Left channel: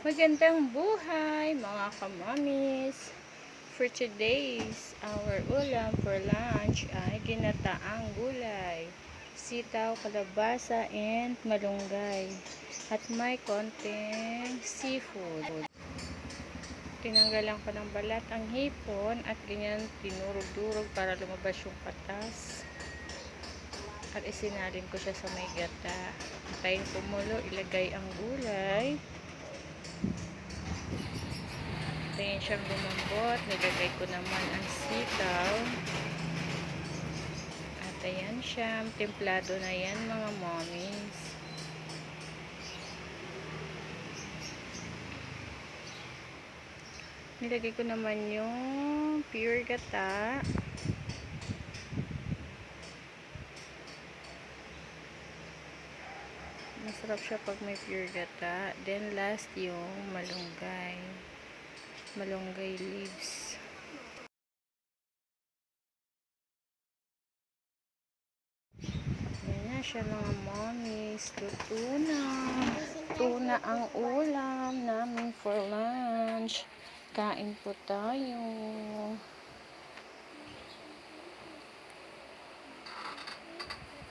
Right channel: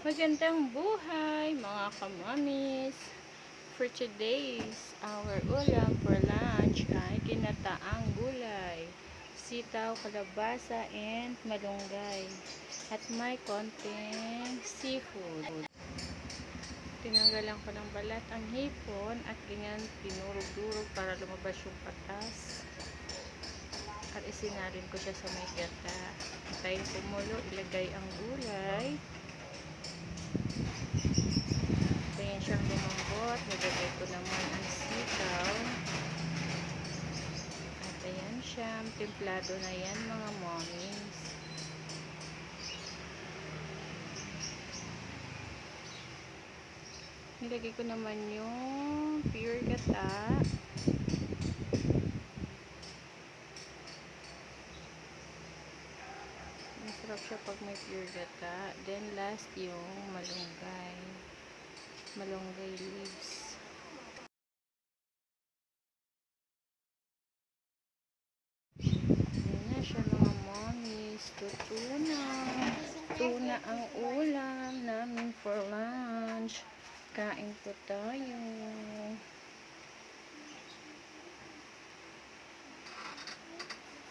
Magandang buhay mga kamamis. For today's, our ulam for lunch ay ginataang gulay, sitaw, kalabasa, and malunggay. At may konting seafood. Tinanggalan ko ng balat ang hipon at ganyan dinurog-durog para lumabas yung patas. At isinalin ko siya sa may gata. Antayin kumulo, ilagay ang gulay. Antayin siyang lumambot. Nilagay ko naman ang sitaw. At ayan siya. Templado na yan mga mommies. Nilagay ko naman yung pure gata. Masarap siya pag may pure gata. Then last yung malunggay. Malunggay leaves. Ayan na siya mga mommies. Luto na. Tuna ang ulam namin for lunch. Kain po tayo.